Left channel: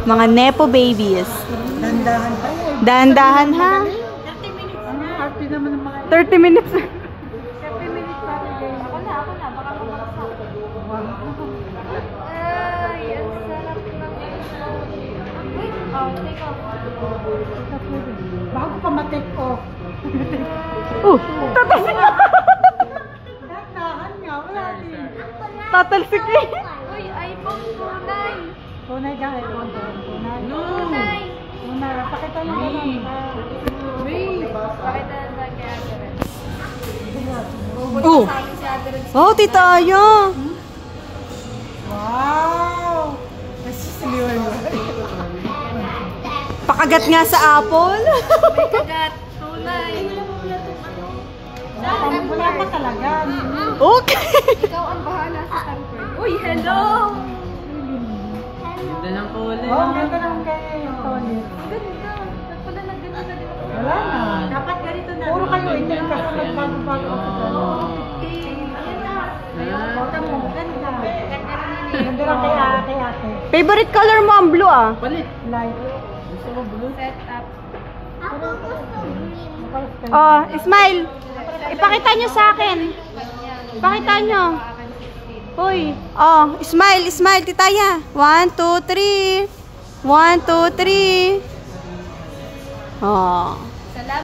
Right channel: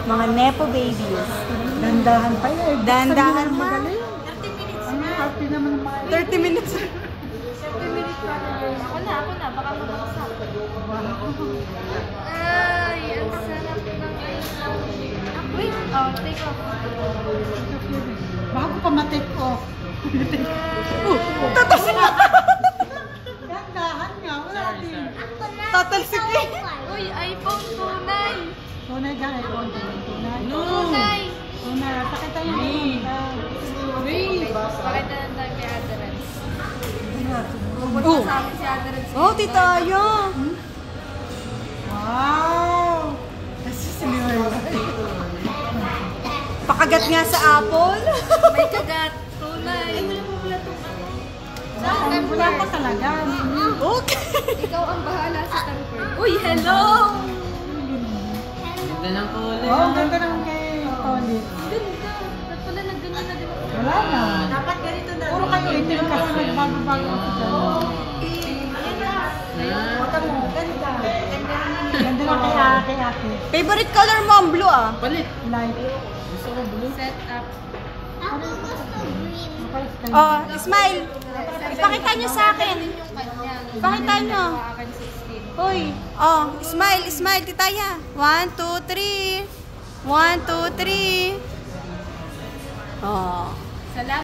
Mga Nepo babies. Dandahan pa yun. Dandahan ha? 30 minutes. Ang happy naman ng mga 30 minutes. 30 minutes pa. Ako na. Baka mamagsak. Ay, ang sarap ng wait. Oh, take off. bago pa ma-take off. Tatalsik ka. Dandahan nga. Wala din. Tatalsik ka. Uy, iPhone tunay. Tunay ka, iPhone. Tunay. Tunay. Tunay. Pakita yung mga. Pakita na tayo kay Aderen. Oh. Sa akin si Aderen. Oh, tita Aya. Wow! Pakagat nga sa apple. May kagat. Tunay. Ay, wala pa pala itong ano. Saan Wala pa talaga. Okay. Ikaw ang bahala sa tarpon. Uy, hello! Ganda ng kulay. Oo, ganda naman kay Tony. Ganda. Pala nagdala na din ako. Wala na. Dapat ganito na. Puro kayo itin kasi nagbago-bago ako dyan. Ayan na. Ganda. Ganda lang kay ate. Favorite color mo ang blue ah. Palit. Light. Gusto ko blue. Set up. Ako gusto green. Oh, smile. Ipakita nyo sa akin. Ipakita nyo. Hoy. Oh, smile, titaya. 1, 2, 3. 1, 2, 3. Oh.